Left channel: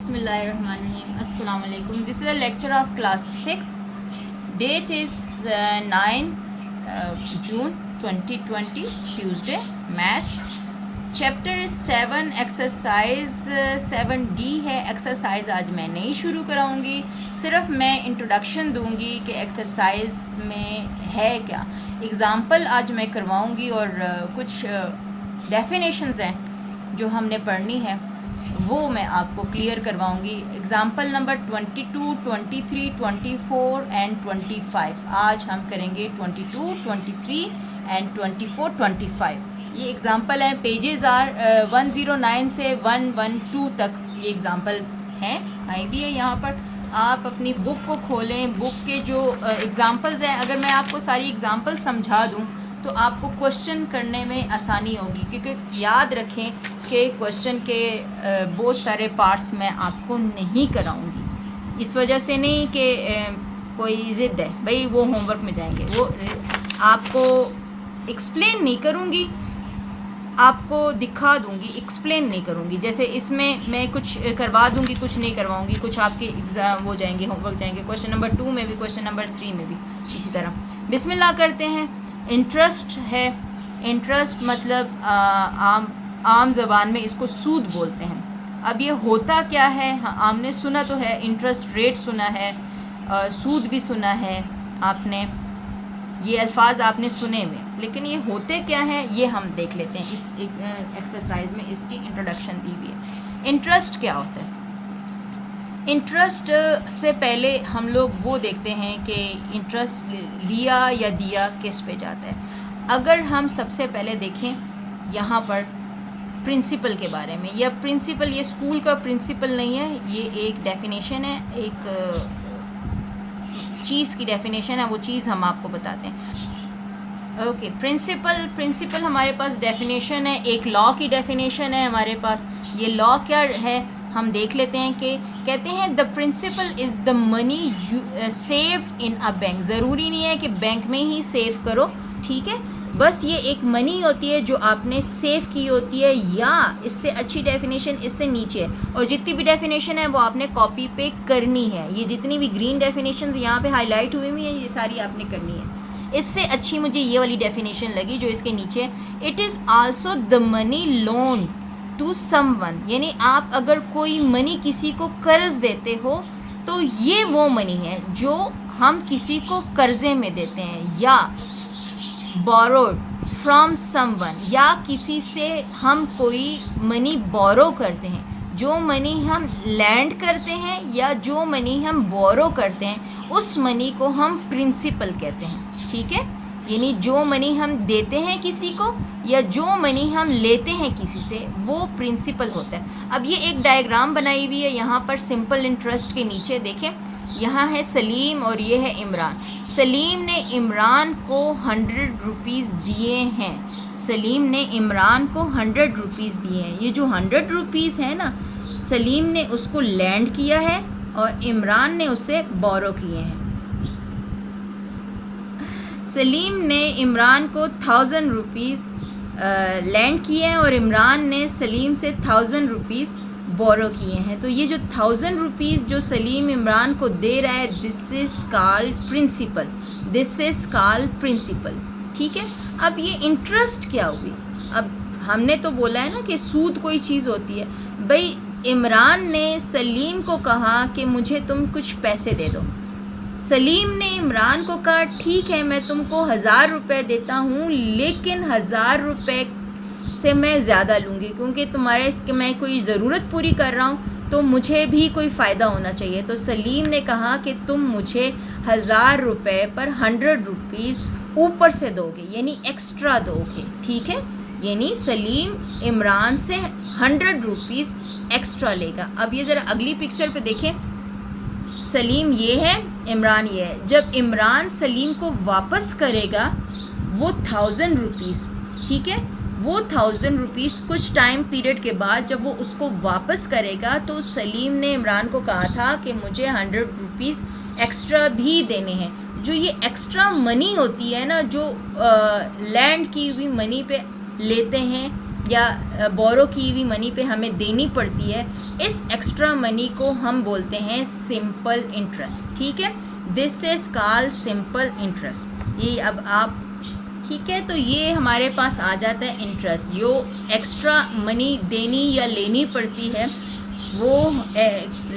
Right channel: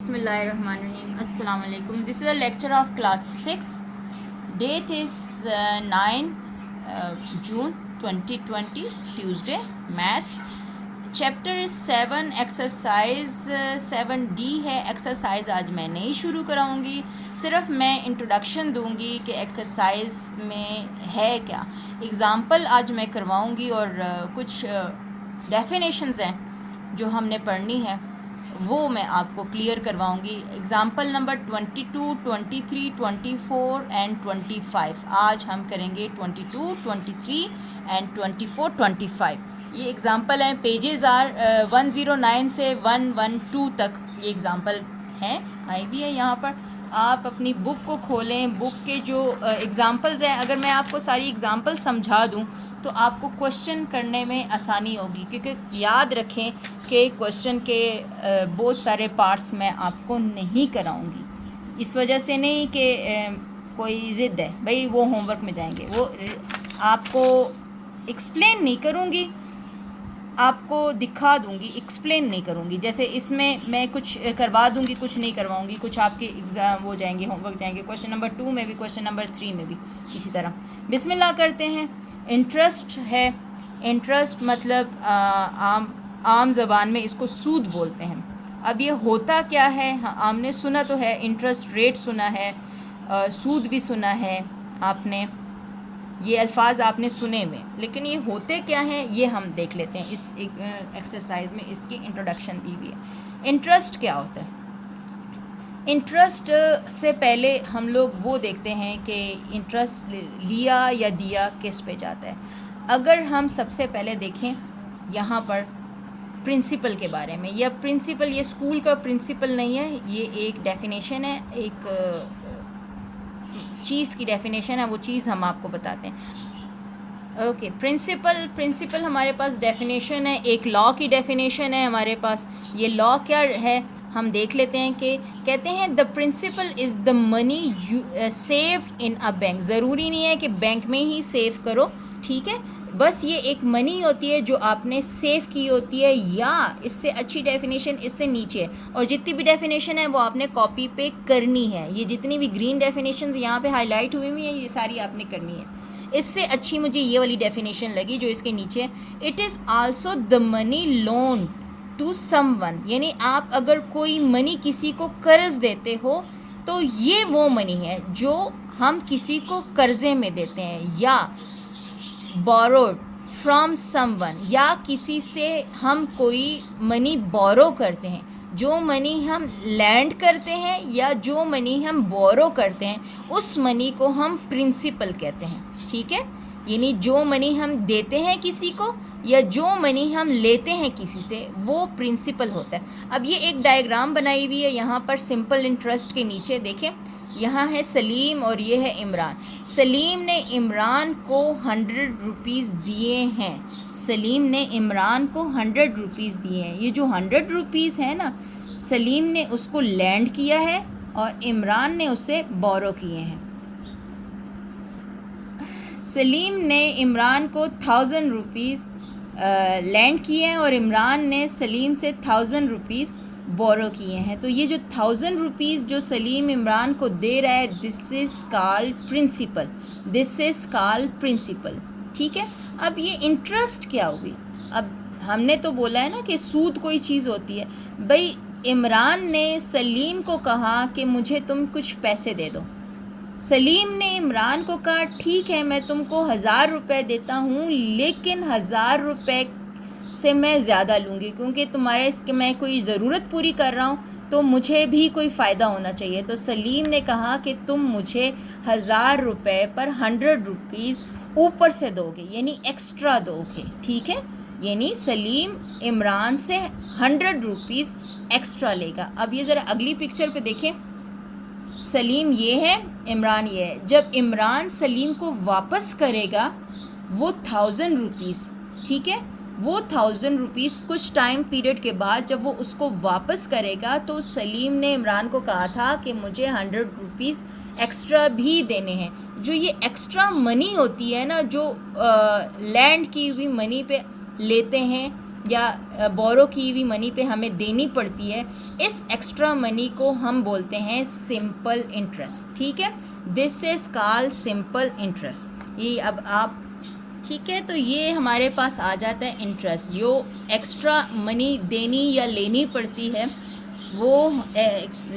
Bismillahirrahmanirrahim. Assalamu alaikum. This is a lecture of class 6. Date is 9 June 2020, Tuesday. Maths. Chapter is 7. Exercise 7D है. Exercise आज मैं नहीं शुरू कराऊंगी, सिर्फ मैं इंट्रोडक्शन दूंगी कि एक्सरसाइज में है क्या. एग्ज़ाम्पल आज मैं करवाऊंगी और कुछ डेफिनेशंस हैं जो हमने पढ़नी है वो मैं आपको क्लियर करवाऊंगी. Example number 22, 23, 24 and 25. आज हम करेंगे 22, 23 एंड 24, 25. ये एग्ज़ाम्पल हैं. पेजेस आर 109 से 112 तक ये एग्ज़ाम्पल हैं. आई भी है यहाँ पर. आप अपनी बुक को खोलें. बुक के जो एग्ज़ाम्पल्स हैं, अगर मैं आपको सारी एग्ज़ाम्पल समझा दूँ तो आपको क्वेश्चन करने में आसानी होगी, क्योंकि याद रखें कि क्वेश्चन के बहुत सारे पार्ट्स मैं आपको नहीं कराऊंगी. इस वजह से नहीं कि कोई ज़िद है भाई वो होमवर्क में जाएंगे, वो आपको एक्सप्लेन नहीं करूंगी, आपको दिखा दूंगी, एक्सप्लेन नहीं करूंगी. जैसे इसमें मैं कुछ करवा दूंगी, कुछ नहीं करवाऊंगी. कुछ आपके एग्ज़ाम वो जाएंगे, होमवर्क जाएंगे. क्वेश्चन नंबर 2 में भी, क्वेश्चन नंबर 3 में भी इसी तरह. बिस्मिल्लाह करते हैं. इंटरेस्ट है. इंटरेस्ट मतलब आम ज़बान में इसको सूद बोलते हैं. अब ये होता क्या है? हाँ, आपने सुना तो है, इंटरेस्ट रेट सुना है, सूद भी सुना है आपने, ये अल्फाज आपने सुने में, लेकिन ये होते क्या हैं ये हम देख लेते हैं. इस एक्सरसाइज में इसकी इंट्रोडक्शन दी हुई है. इंटरेस्ट क्या होता है? इंटरेस्ट से पहले हम लोग वो देखते हैं कि इंटरेस्ट लिया या दिया किस पे जाता है. अगर हम सबसे पहले देखें यहाँ पर प्रिंसिपल के बारे में. यह प्रिंसिपल, ये स्कूल का प्रिंसिपल नहीं है, ये एक डेफिनेशन है, एक चीज़ की डेफिनेशन है. वो चीज़ हम आपको बताते हैं. ओके, प्रिंसिपल हमारे पास डेफिनेशन है, एक लॉ की डेफिनेशन है हमारे पास. ये लॉ क्या है हम देख लेते हैं. कि कहते हैं the principal is the money saved in a bank. ज़रूरी नहीं है कि बैंक में ही सेव करो, ठीक है, बस ये एक मनी होती है जो आपने सेव की होती है, या इससे अच्छी डेफिनेशन इससे नीचे है. और जितनी भी डेफिनेशन है वो आपने कॉपी पे करनी है. ये जितनी भी ग्रीन डेफिनेशंस यहाँ पे हाईलाइट हुई हुई हैं ये सारी आपने करनी है. इससे अच्छी मुझे ये वाली डेफिनेशन लगी जो इसके नीचे है. It is also the money loan to someone. यानी आप अगर कोई मनी किसी को कर्ज देते हो तो ये वो मनी है जो हम किसी को कर्जे में देते हैं. या borrowed from someone, या किसी से हम कोई मनी बोरो करते हैं. जो मनी हम लैंड करते हैं या जो मनी हम बोरो करते हैं उस मनी को हम प्रिंसिपल कहते हैं, ठीक है. यानी जो मनी हम देते हैं किसी को या जो मनी हम लेते हैं किसी से वो प्रिंसिपल होता है. अब ये एक डायग्राम बनाई हुई है यहाँ पर सिंपल इंटरेस्ट के नीचे. देखें, यहाँ है सलीम और ये है इमरान. सलीम ने इमरान को 100 रुपीज़ दिए हैं. सलीम ने इमरान को 100 रुपीज़ दिए हैं. ये जो 100 रुपीज़ है ना, सलीम ने उसको लैंड किया है और इमरान ने उसे बोरो किए हैं. सलीम ने इमरान को 1000 रुपीज़ लैंड किए हैं और इमरान ने सलीम से 1000 रुपीज़ बोरो किए हैं. तो ये जो 1000 रुपीज़ जो सलीम इमरान को दे रहा है, this is called principal. This is called principal, ठीक है. अब ये इंटरेस्ट क्या हुई? अब हमने तो बोला है ना कि सूद कोई चीज़ होती है. भाई इमरान ने सलीम को कहा कि मुझे तुम कुछ पैसे दे दो. सलीम ने इमरान को कहा ठीक है मैं तुमको 1000 रुपये देता हूँ, लेकिन 1000 रुपये से मैं ज़्यादा लूँगी क्योंकि तुम्हारे इसके मैं कोई ज़रूरत पूरी कर रहा हूँ तो मुझे भी कोई फ़ायदा होना चाहिए. तो सलीम ने कहा कि तुम मुझे 1000 रुपये पर 100 रुपीज़ ऊपर से दोगे, यानी एक्स्ट्रा दोगे, ठीक है. यानी सलीम इमरान से 100 रुपीज़ एक्स्ट्रा लेगा. अब ये ज़रा अगली पिक्चर पे देखें. सलीम ये है, इमरान ये है. जब इमरान सलीम को वापस करेगा वो 1000 रुपीज़, ठीक है, वो 1000 रुपीज़ कुछ टाइम पीरियड के बाद जब वो उसको वापस करेगा तो सलीम ने इमरान को कहा था कि मुझे 100 रुपीज़ एक्स्ट्रा भी देने हैं. जो ये एक्स्ट्रा मनी होती है ना, जो लैंड की हुई मनी पे लेते हैं या बोरो की हुई मनी पे हमें देनी पड़ती है, इस एक्स्ट्रा मनी को हम बोलते हैं सिंपल इंटरेस्ट। ठीक है, this is called simple interest. ये अब आप ठीक है, तो ये हमारे पास आ जाता है इंटरेस्ट। जो एक्स्ट्रा मनी देनी या लेनी पड़ती है वो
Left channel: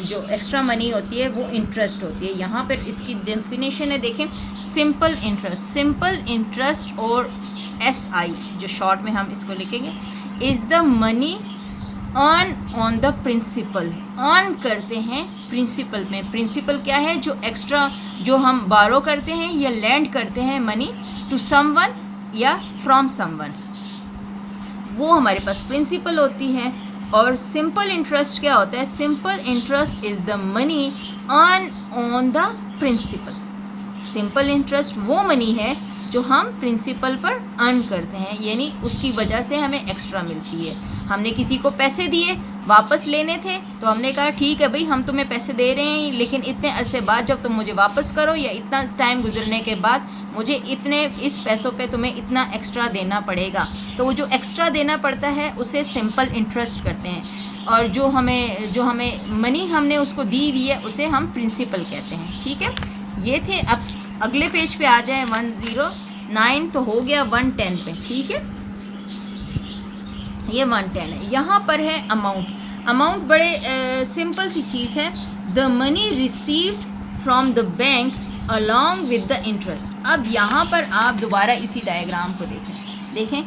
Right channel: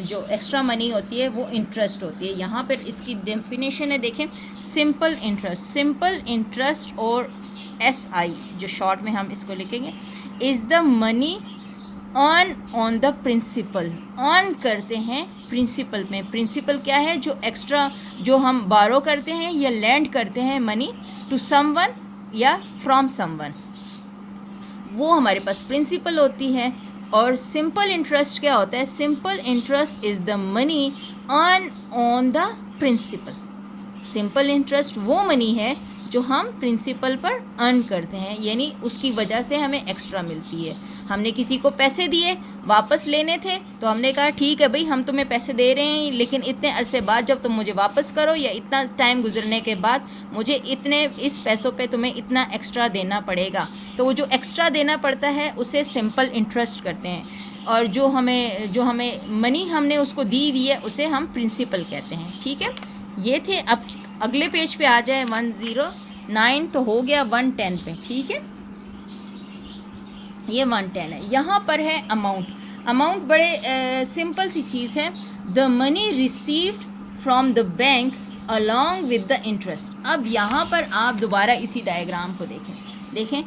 जो एक्स्ट्रा मनी होती है वो इंटरेस्ट होती है। यहाँ पर इसकी डेफिनेशन है, देखें, सिंपल इंटरेस्ट। सिंपल इंटरेस्ट और SI जो शॉर्ट में हम इसको लिखेंगे, is the money earn on the principal. Earn करते हैं प्रिंसिपल में। प्रिंसिपल क्या है? जो एक्स्ट्रा जो हम बारो करते हैं या लैंड करते हैं मनी टू समवन या फ्रॉम समवन, वो हमारे पास प्रिंसिपल होती है। और सिंपल इंटरेस्ट क्या होता है? Simple interest is the money earn on the principal. Simple interest वो मनी है जो हम प्रिंसिपल पर अर्न करते हैं, यानी उसकी वजह से हमें एक्स्ट्रा मिलती है। हमने किसी को पैसे दिए, वापस लेने थे, तो हमने कहा ठीक है भाई, हम तुम्हें पैसे दे रहे हैं, लेकिन इतने अरसे बाद जब तुम मुझे वापस करो या इतना टाइम गुजरने के बाद मुझे इतने इस पैसों पे तुम्हें इतना एक्स्ट्रा देना पड़ेगा। तो वो जो एक्स्ट्रा देना पड़ता है उसे सिंपल इंटरेस्ट करते हैं। और जो हमें मनी हमने उसको दी हुई है उसे हम प्रिंसिपल कहते हैं। ठीक है, ये थे। अब अगले पेज पे आ जाए 109, तो हो गया 110 पे। ठीक है, ये 110 है। यहाँ पर है अमाउंट। अमाउंट बड़े सिंपल सी चीज़ है। The money received from the bank along with the interest. अब यहाँ पर आप दोबारा इसी डायग्राम को देखें।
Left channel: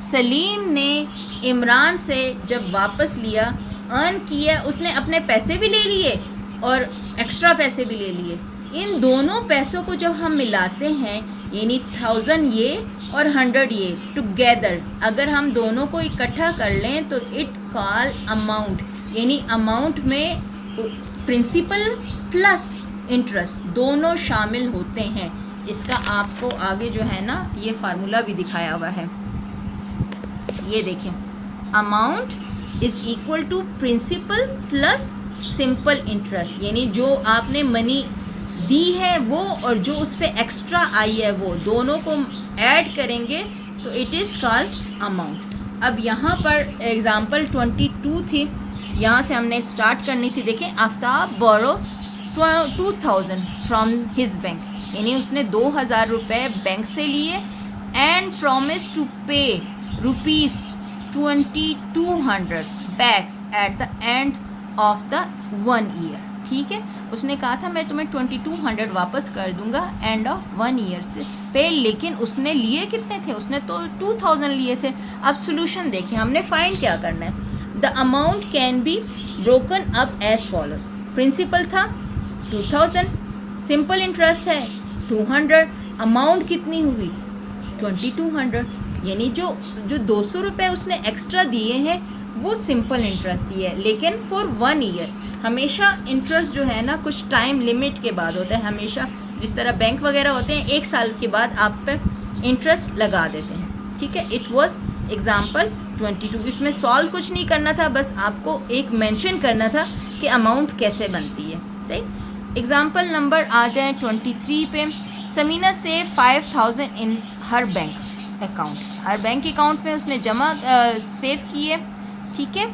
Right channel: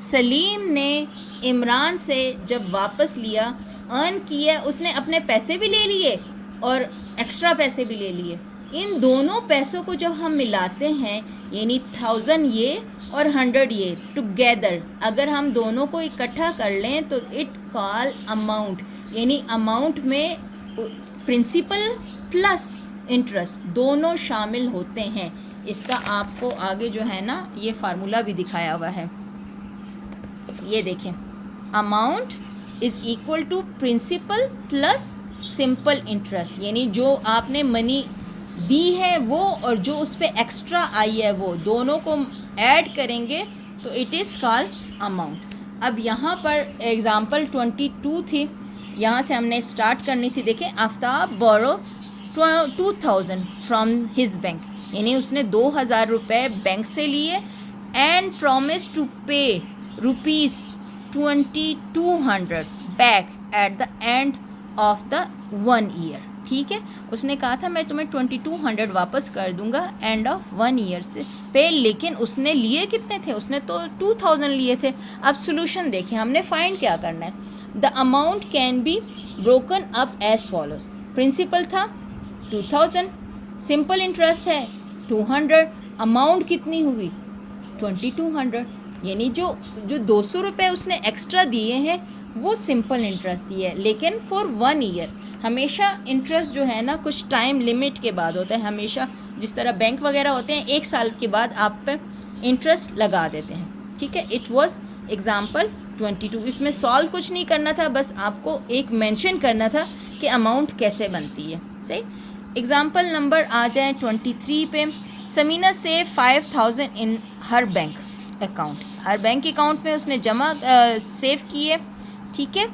सलीम ने इमरान से जब वापस लिया, अर्न किया, उसने अपने पैसे भी ले लिए और एक्स्ट्रा पैसे भी ले लिए। इन दोनों पैसों को जब हम मिलाते हैं, यानी 1000 ये और 100 ये टुगेदर, अगर हम दोनों को इकट्ठा कर लें तो इट कॉल अमाउंट। यानी अमाउंट में प्रिंसिपल प्लस इंटरेस्ट दोनों शामिल होते हैं। इसका आपको आगे जो है ना ये फार्मूला भी दिखाया हुआ है, ये देखें। Amount is equal to principal plus simple interest, यानी जो आपने मनी दी है वो और जो उस पर एक्स्ट्रा आई है वो दोनों को ऐड करेंगे तो इट इज़ कॉल्ड अमाउंट। अब यहाँ पर एग्ज़ाम्पल 22 थी, यहाँ से हमने स्टार्ट करनी थी। देखें, आफ्ताब बोरो 2000 फ्रॉम हिज बैंक, यानी उसने 2000 रुपये बैंक से लिए एंड प्रॉमिस टू पे ₹2200 back at the end of the 1 year. ठीक है, उसने कहा था मैं तुम्हें 2200 वापस कर दूंगा एंड ऑफ 1 ईयर से पे, लेकिन उसने लिए कितने थे? उसने तो 2000 लिए थे। अब सोल्यूशन देखें, हमने फाइंड क्या करना है। The amount can be broken up as follows. Principal था 2000, सिंपल इंटरेस्ट है 200, अमाउंट कितनी हुई 2200, यानी जो 200 रुपये उसने एक्स्ट्रा दिए हैं वो सिंपल इंटरेस्ट दिया है, लेकिन फॉर 1 ईयर। हमेशा इंटरेस्ट जो है ना कुछ टाइम लिमिट के बाद होता है। हमेशा जिस तरह बैंक वगैरह होते हैं 1 साल के बाद आप पे इंटरेस्ट लगा देते हैं। ठीक है, इट वाज एग्जाम्पल 22। इसमें सॉल्व कुछ नहीं करना था, बस आपको एक मेंशन करना था कि अमाउंट कैसे बनती है। सही, एग्जाम्पल नंबर आ जाए 23 पे। समीना से 5000 in her bank account, her bank account में उसने जमा सेव किए। ठीक है,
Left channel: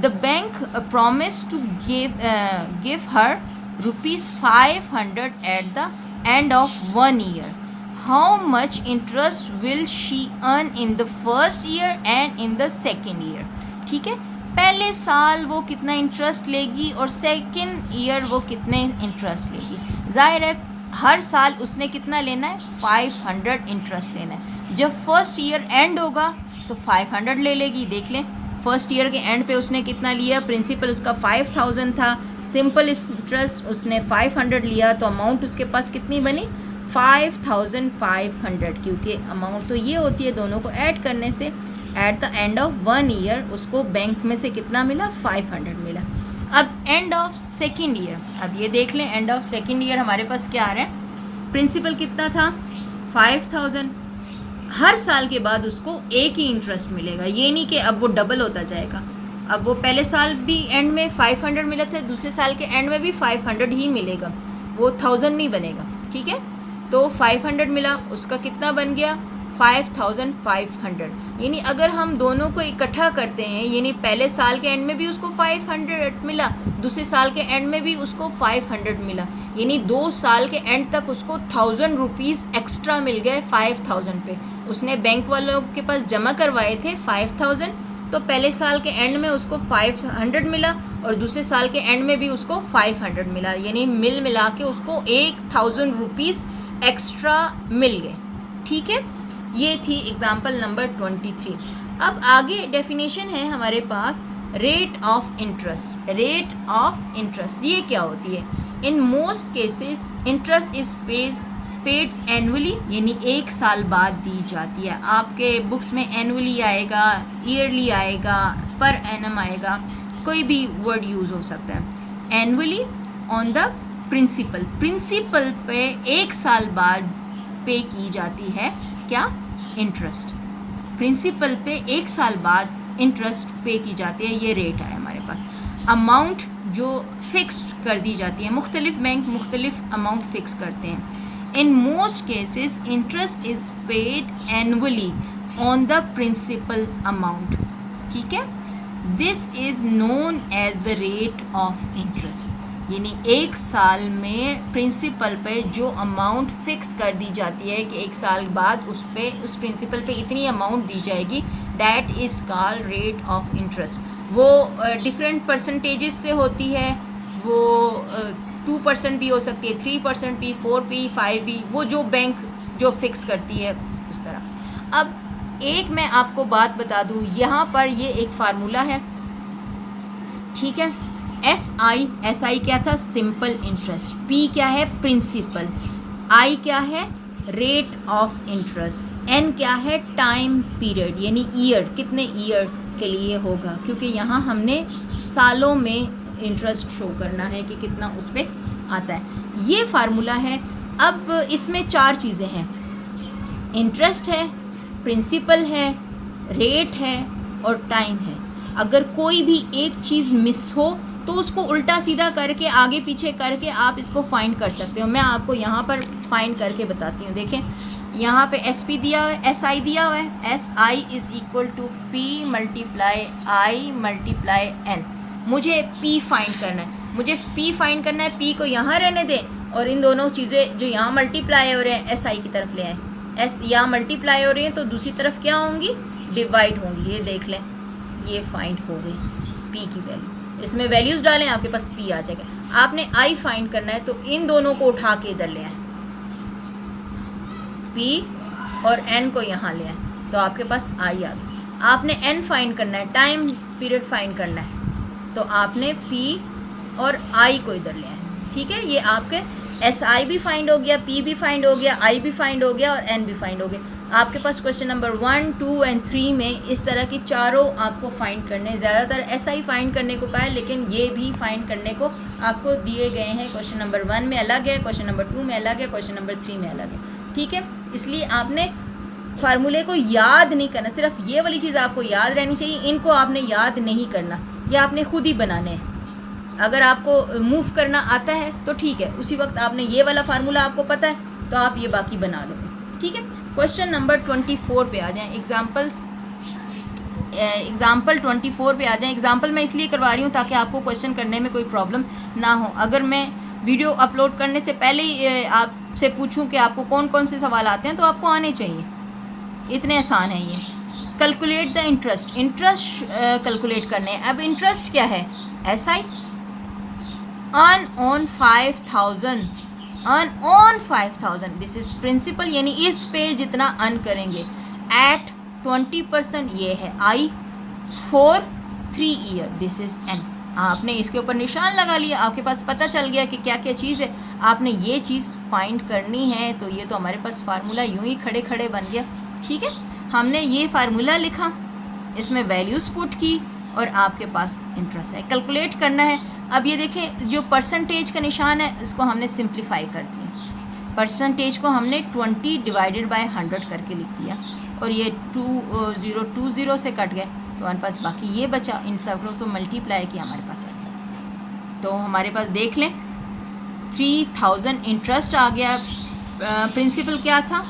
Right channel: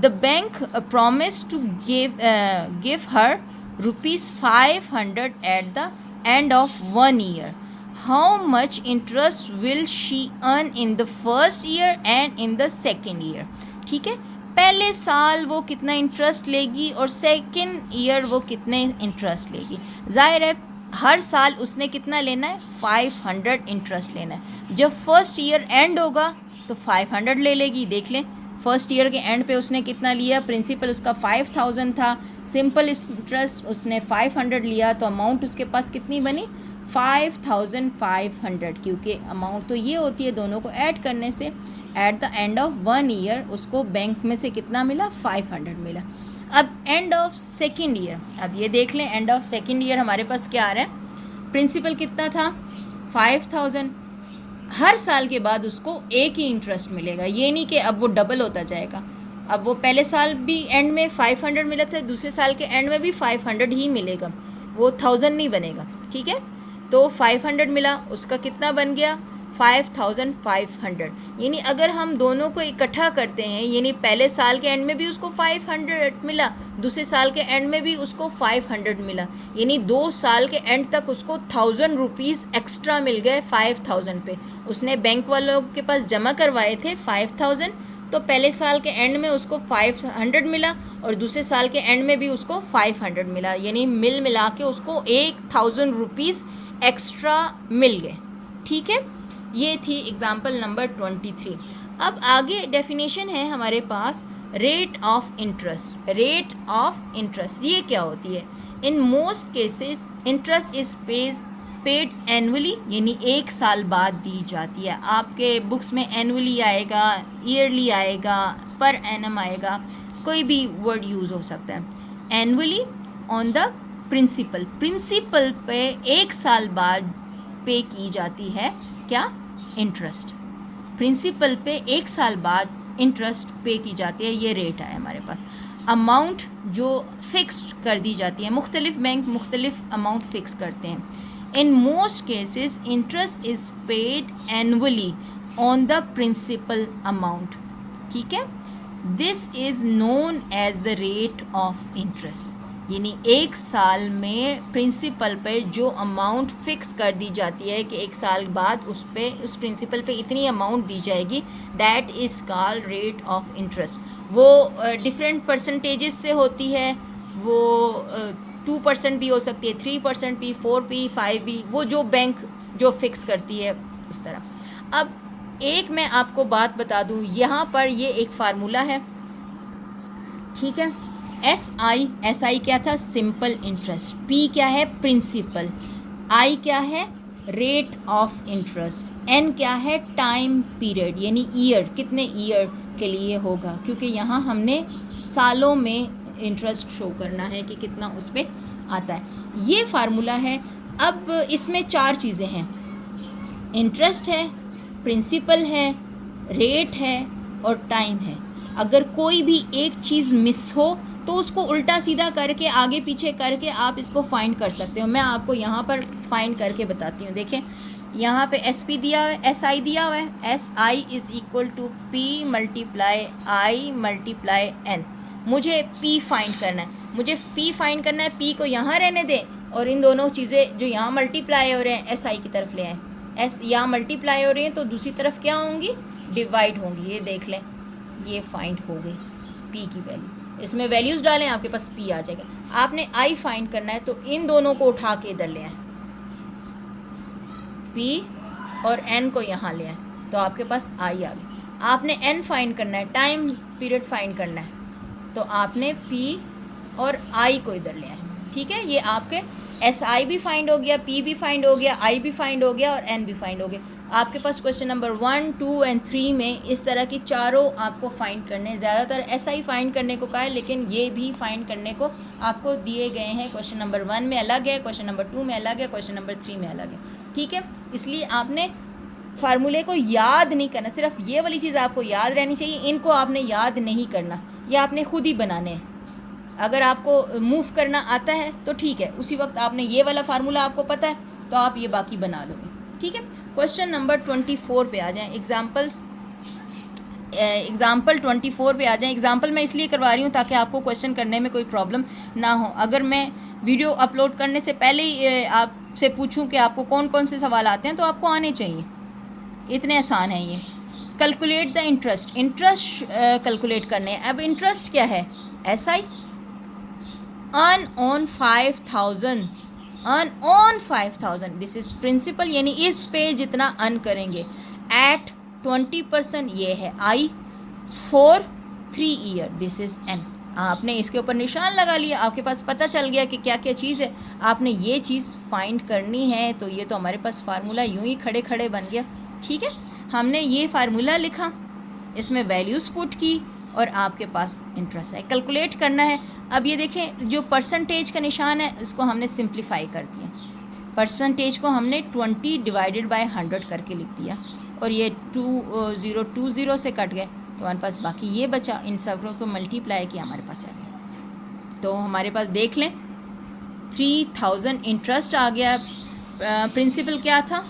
the bank promise to give her ₹500 at the end of 1 year. How much interest will she earn in the first year and in the second year. ठीक है, पहले साल वो कितना इंटरेस्ट लेगी और सेकेंड ईयर वो कितने इंटरेस्ट लेगी। जाहिर है हर साल उसने कितना लेना है, 500 इंटरेस्ट लेना है। जब फर्स्ट ईयर एंड होगा तो 500 ले लेगी। देख लें, फर्स्ट ईयर के एंड पे उसने कितना लिया, प्रिंसिपल उसका 5000 था, सिंपल इंटरेस्ट उसने 500 लिया, तो अमाउंट उसके पास कितनी बनी 5500, क्योंकि अमाउंट तो ये होती है दोनों को ऐड करने से। Eight the end of 1 year उसको बैंक में से कितना मिला, 500 मिला। अब एंड ऑफ सेकेंड ईयर, अब ये देख लें, एंड ऑफ सेकेंड ईयर हमारे पास क्या आ रहा है, प्रिंसिपल कितना था 5000। हर साल के बाद उसको एक ही इंटरेस्ट मिलेगा, ये नहीं कि अब वो डबल होता जाएगा। अब वो पहले साल भी एंड में 500 मिला था, दूसरे साल के एंड में भी 500 ही मिलेगा, वो 1000 नहीं बनेगा। ठीक है, तो 500 मिला, उसका कितना बन गया 5,500। यानी अगर हम दोनों को इकट्ठा करते हैं, यानी पहले साल के एंड में भी उसको 500 मिला, दूसरे साल के एंड में भी उसको 500 मिला, यानी 2 साल के एंड तक उसको 1000 रुपीज़ एक्स्ट्रा मिल गए 5000 पे। उसने बैंक वालों के पास जमा करवाए थे 5000, तो पहले साल के एंड में उसको 500 मिला और दूसरे साल के एंड में भी उसको 500 मिला, यानी मिला के उसको 1000 रुपीज़ एक्स्ट्रा मिल गए। ठीक है, ये थी एग्जाम्पल नंबर 23। अब आगे डेफिनेशन है हमारे पास rate of interest. Rate of interest ये क्या होती है? In most cases interest is paid annually, यानी 1 साल बाद दी जाती है। आपके बुक्स में एनुअली आएगा, ईयरली आएगा, पर एनम आएगा, कोई भी वर्ड यूज़ हो सकता है। Annually on the principal, principal पे 1 साल बाद पे की जाती है क्या? इंटरेस्ट। प्रिंसिपल पे 1 साल बाद इंटरेस्ट पे की जाती है, ये रेट है हमारे पास। अमाउंट जो फिक्स्ड कर दी जाती है, मुख्तलिफ बैंक मुख्तलिफ अमाउंट फिक्स करते हैं। In most cases interest is paid annually on the principal amount. ठीक है, this is known as the rate of interest, यानी 1 साल में प्रिंसिपल पे जो अमाउंट फिक्स कर दी जाती है कि 1 साल बाद उस प्रिंसिपल पे इतनी अमाउंट दी जाएगी, that is called rate of interest. वो डिफरेंट परसेंटेजेस से होती है, वो 2% भी हो सकती है, 3% भी, 4 भी, 5 भी, वो जो बैंक जो फिक्स करती है उस तरह। अब एक मैं आपको बात बता दूँ, यहाँ पर ये एक फार्मूला है, ठीक है। एस आई क्या था? Simple interest. पी क्या है? प्रिंसिपल। आई क्या है? Rate of interest. एन क्या है? टाइम पीरियड, यानी ईयर, कितने ईयर के लिए होगा, क्योंकि यहाँ हमने सालों में इंटरेस्ट शो करना है कि कितना उस पर आता है। ये फार्मूला है। अब इसमें 4 चीज़ें हैं, इंटरेस्ट है, प्रिंसिपल है, रेट है और टाइम है। अगर कोई भी एक चीज़ मिस हो तो उसको उल्टा सीधा करके, आगे पीछे करके आप इसको फाइंड कर सकते हो। मैं आपको यहाँ पर फाइंड करके बताती हूँ। देखें, यहाँ पे एस पी दिया हुआ है, एस आई दिया हुआ है। S I is equal to P multiply I multiply N. मुझे पी फाइंड करना है, मुझे पी फाइंड करना है। पी को यहाँ रहने दें और इन दोनों चीज़ें जो यहाँ मल्टीप्लाई हो रहे हैं एस आई की तरफ ले आएँ। एस यहाँ मल्टीप्लाई हो रही हैं तो दूसरी तरफ क्या होंगी? डिवाइड होंगी। ये देख लें, ये फाइंड हो गई पी की वैल्यू। इसमें वैल्यूज़ डालें, आपके पास पी आ जाएगा। आपने आई फाइंड करना है तो इन दोनों को उठा के इधर ले आए, पी और एन को यहाँ ले आए, तो आपके पास आई आ गई। आपने एन फाइंड करना है, टाइम पीरियड फाइंड करना है, तो आपने पी और आई को इधर ले आए। ठीक है, ये आपके एस आई भी फाइंड हो गया, पी भी फाइंड हो गया, आई भी फाइंड हो गया और एन भी फाइंड हो गया। आपके पास क्वेश्चन नंबर 1, 2 एंड 3 में इस तरह की चारों आपको फाइंड करने, ज़्यादातर एस आई फाइंड करने को कहा है, लेकिन ये भी फाइंड करने को आपको दिए गए हैं। क्वेश्चन नंबर 1 में अलग है, क्वेश्चन नंबर 2 में अलग है, क्वेश्चन नंबर 3 में अलग है। ठीक है, इसलिए आपने फार्मूले को याद नहीं करना, सिर्फ ये वाली चीज़ आपको याद रहनी चाहिए, इनको आपने याद नहीं करना, ये आपने खुद ही बनाने हैं। अगर आपको मूव करना आता है तो ठीक है, उसी वक्त आपने ये वाला फार्मूला आपको पता है तो आप ये बाकी बना लोगे। ठीक है, क्वेश्चन नंबर 24 पे आ जाएं। एग्जाम्पल 24 पे आ जाएं। एग्जाम्पल मैं इसलिए करवा रही हूँ ताकि आपको क्वेश्चन करने में कोई प्रॉब्लम ना हो। अगर मैं वीडियो अपलोड करने से पहले ही आपसे पूछूं कि आपको कौन कौन से सवाल आते हैं तो आपको आने चाहिए, इतने आसान है ये। Calculate the interest, interest calculate करने। अब इंटरेस्ट क्या है? S I earn on 5000, earn on 5000, this is principal, यानी इस पे जितना अर्न करेंगे एट 20%, ये है I, for 3 year, this is N. आपने इसके ऊपर निशान लगा लिया, आपके पास पता चल गया कि क्या क्या चीज़ है, आपने ये चीज़ फाइंड करनी है। तो ये तो हमारे पास फार्मूला यूं ही खड़े खड़े बन गया। ठीक है, हमने ये फार्मूला लिखा, इसमें वैल्यूज़ पुट की और आपके पास इंटरेस्ट है, कैलकुलेट करना है। अब ये देखें, जो परसेंटेज का निशान है इसको हमने सिंप्लीफाई कर दिया। परसेंटेज को हमने 20 डिवाइडेड बाय 100 करके लिख दिया और ये 2020 से कट गए तो हमारे पास बाकी ये बचा। इन सबको को मल्टीप्लाई किया, हमारे पास आ गया। तो हमारे पास देख लें 3000 इंटरेस्ट आ गया। प्रिंसिपल क्या था?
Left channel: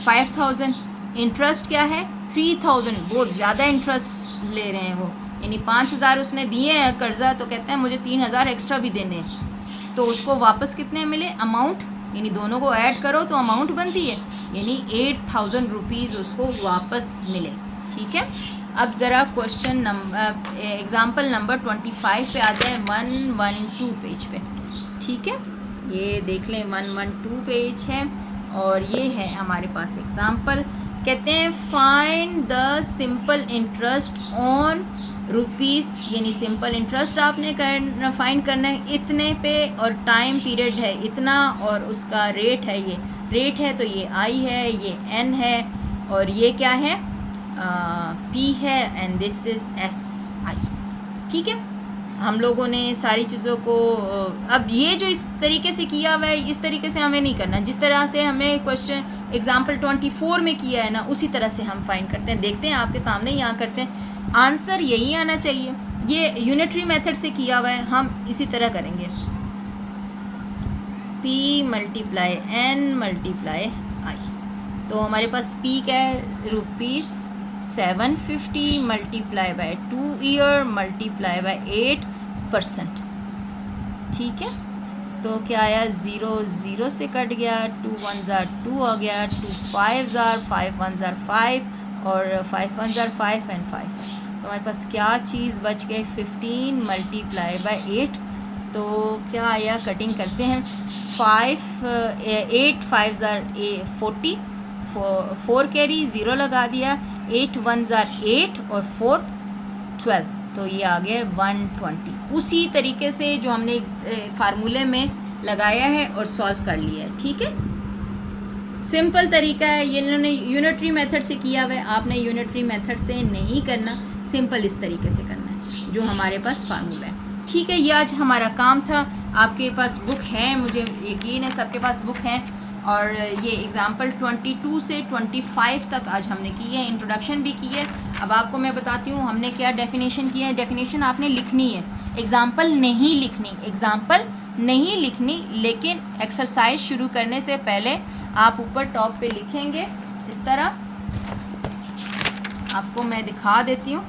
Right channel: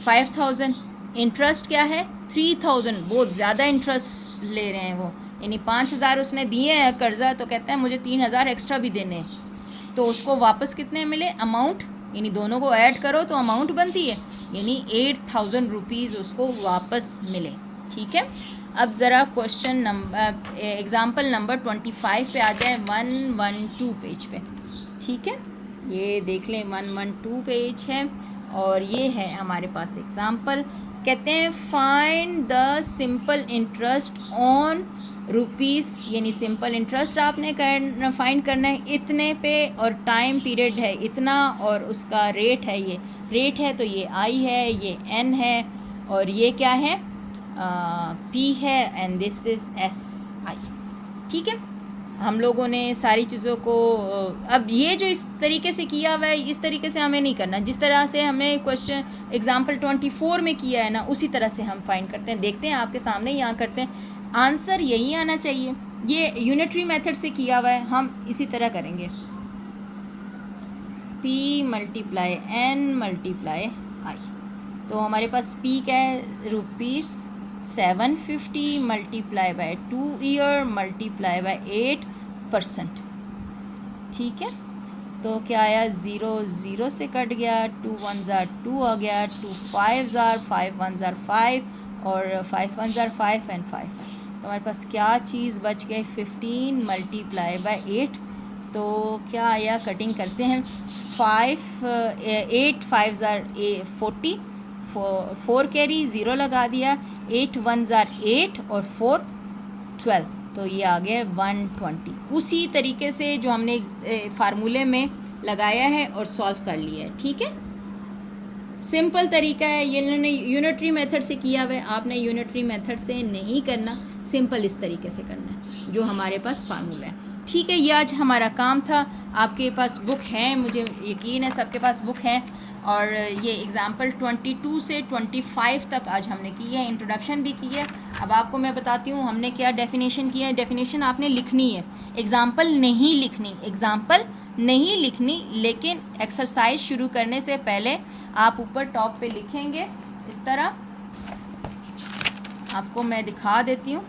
5000। इंटरेस्ट क्या है 3000, बहुत ज़्यादा इंटरेस्ट ले रहे हैं वो, यानी 5000 उसने दिए हैं कर्ज़ा, तो कहते हैं मुझे 3000 एक्स्ट्रा भी देने हैं। तो उसको वापस कितने मिले अमाउंट, यानी दोनों को ऐड करो तो अमाउंट बनती है, यानी 8000 रुपीज़ उसको वापस मिले। ठीक है, अब ज़रा क्वेश्चन नंबर एग्ज़ाम्पल नंबर 25 पे आ जाए 112 पेज पे। ठीक है, ये देख लें 112 पेज है और ये है हमारे पास एग्ज़ाम्पल। कहते हैं find the simple interest on rupees, यानी सिंपल इंटरेस्ट आपने फाइंड करना है इतने पे, और टाइम पीरियड है इतना, और उसका रेट है, ये रेट है तो ये आई है, ये एन है, और ये क्या है पी है, and this is S I. ठीक है, हम लोगों ने सारी चीज़ों को अब ये जो इस तरीके से किया हुआ है, इस तरीके से हमें नहीं करना, जिस तरह से हमें क्वेश्चन एग्जाम्पल 24 में किया है ना, उसी तरह से हम फाइंड करते हैं। देखते हैं आपके सामने यहाँ करते हैं, आंसर यही आना चाहिए। ये यूनिटरी मेथड से किया हुआ है, हम इसी तरह करेंगे, P multiply N multiply I। तो हमारे पास P क्या है rupees 750 multiply by 2 year multiply by 8%। ठीक है, तो क्या आया 0 0 से कट गया, 2 1 जार 2 आ गया, 2 5 जार 5 1 जार 5 और 5 1 जार 5 एंड 5। तो हमारे पास क्या चीज़ बच गई 15 मल्टीप्लाई बाय 8। तो क्या आया, कटिंग करते हैं, 8 5 जार 40, 4 कैरी 0 लगा दिया, 8 1 जार 8 और 4 12, तो ये आ गया 120। उसी तरीके से जो हमने फार्मूले में लगाया है और सॉल्व कर लिया है। ठीक है, सिंपल तरीका है, ये इन्होंने यूनिटरी मेथड से किया हुआ है, आपने यूनिटरी मेथड से नहीं करना, सिंपल इस तरीके से करना है जो हमारे पास फार्मूला है। ठीक है, ये आज हमारा काम था। आपके पास बुक है, मुझे यकीन है सबके पास बुक है, और ये एग्ज़ाम्पल 22 से 25 तक आज हमने की है, इंट्रोडक्शन भी की है। अब आपको मैं बताती हूँ हमने क्या डेफिनेशन किया है। डेफिनेशन आपने लिखनी है, एग्ज़ाम्पल नहीं लिखनी, एग्ज़ाम्पल नहीं लिखनी, लेकिन एक्सरसाइज शुरू करने से पहले आप ऊपर टॉप पे लिखेंगे इस तरह, आपको मैं दिखा देती हूँ,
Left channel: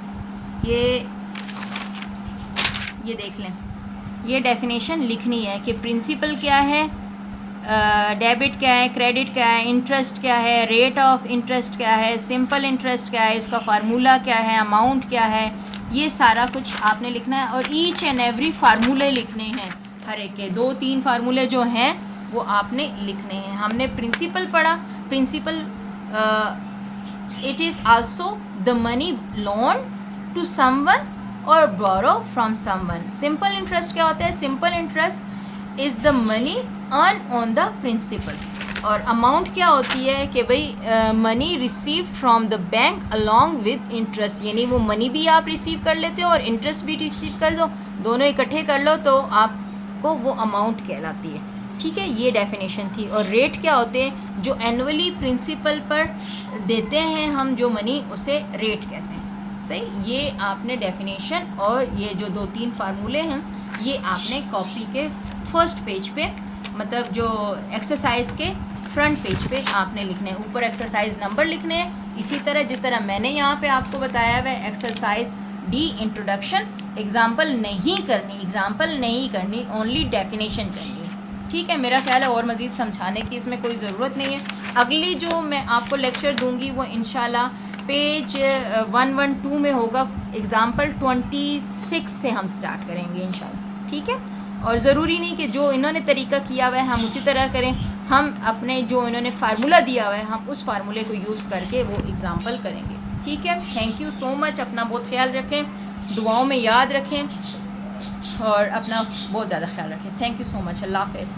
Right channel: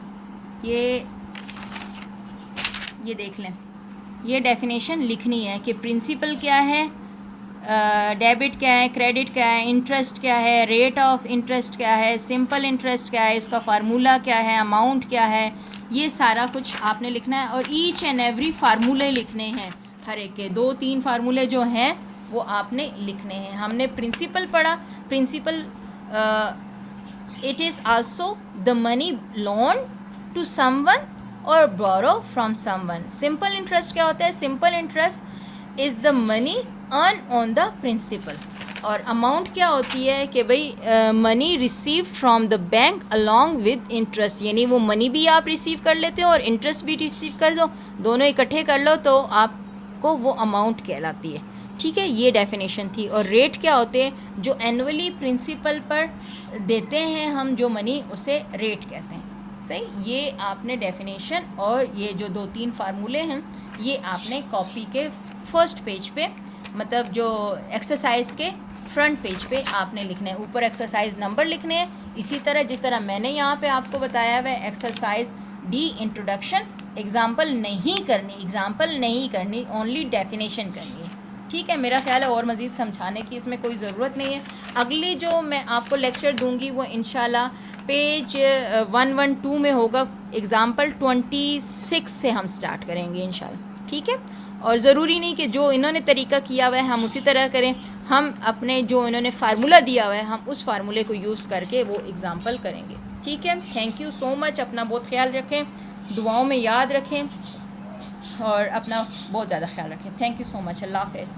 ये देख लें, ये डेफिनेशन लिखनी है कि प्रिंसिपल क्या है, डेबिट क्या है, क्रेडिट क्या है, इंटरेस्ट क्या है, रेट ऑफ इंटरेस्ट क्या है, सिंपल इंटरेस्ट क्या है, इसका फार्मूला क्या है, अमाउंट क्या है, ये सारा कुछ आपने लिखना है। और ईच एंड एवरी फार्मूले लिखने हैं, हर एक के 2-3 फार्मूले जो हैं वो आपने लिखने हैं। हमने प्रिंसिपल पढ़ा, principal it is also the money loan to someone और borrow from someone. Simple interest क्या होता है, simple interest is the money earn on the principal. और अमाउंट क्या होती है कि भाई money receive from the bank along with interest, यानी वो मनी भी आप रिसीव कर लेते हो और इंटरेस्ट भी रिसीव कर दो, दोनों इकट्ठे कर लो तो आपको वो अमाउंट कहलाती है। ठीक है, ये डेफिनेशन थी। और रेट क्या होते हैं, जो एनुअली प्रिंसिपल पर देते हैं हम जो मनी, उसे रेट कहते हैं। सही, ये आपने डेफिनेशन और ये जो 2-3 फार्मूले हैं ये आपने कॉपी के फर्स्ट पेज पे, मतलब जो एक्सरसाइज के फ्रंट पेज पे आपने लिखने हैं। ऊपर एक्सरसाइज नंबर लिखने हैं, इसी तरह जिस तरह मैंने यहाँ पे आपको बताया हुआ है, एक्सरसाइज डी इंट्रोडक्शन। एग्जाम्पल नहीं करनी, एग्जाम्पल नहीं करनी, ओनली डेफिनेशन करनी है। ठीक है, मेरा ख्याल है और मज़ीद समझाने की इसमें कोई ज़रूरत नहीं है। अगली जो मैं आपको लेक्चर दूंगी वो इंशाल्लाह पेज 112 में होगा, एग्ज़ाम्पल 26 से हम स्टार्ट करेंगे इंशाल्लाह। ठीक है, और ज़रूरी नहीं कि जो इन्होंने तरीका किया हुआ है हम उसी तरह करें, हम अपने जो इन्होंने फार्मूला दिया हुआ है हम उस फार्मूले को यूज़ करके वो एग्ज़ाम्पल करेंगे। ठीक है, थैंक यू सो मच, अपना बहुत ख्याल रखें, दुआओं में याद रखें और अपना बहुत ज़्यादा ख्याल रखें। थैंक यू सो मच, अल्लाह हाफ़िज़।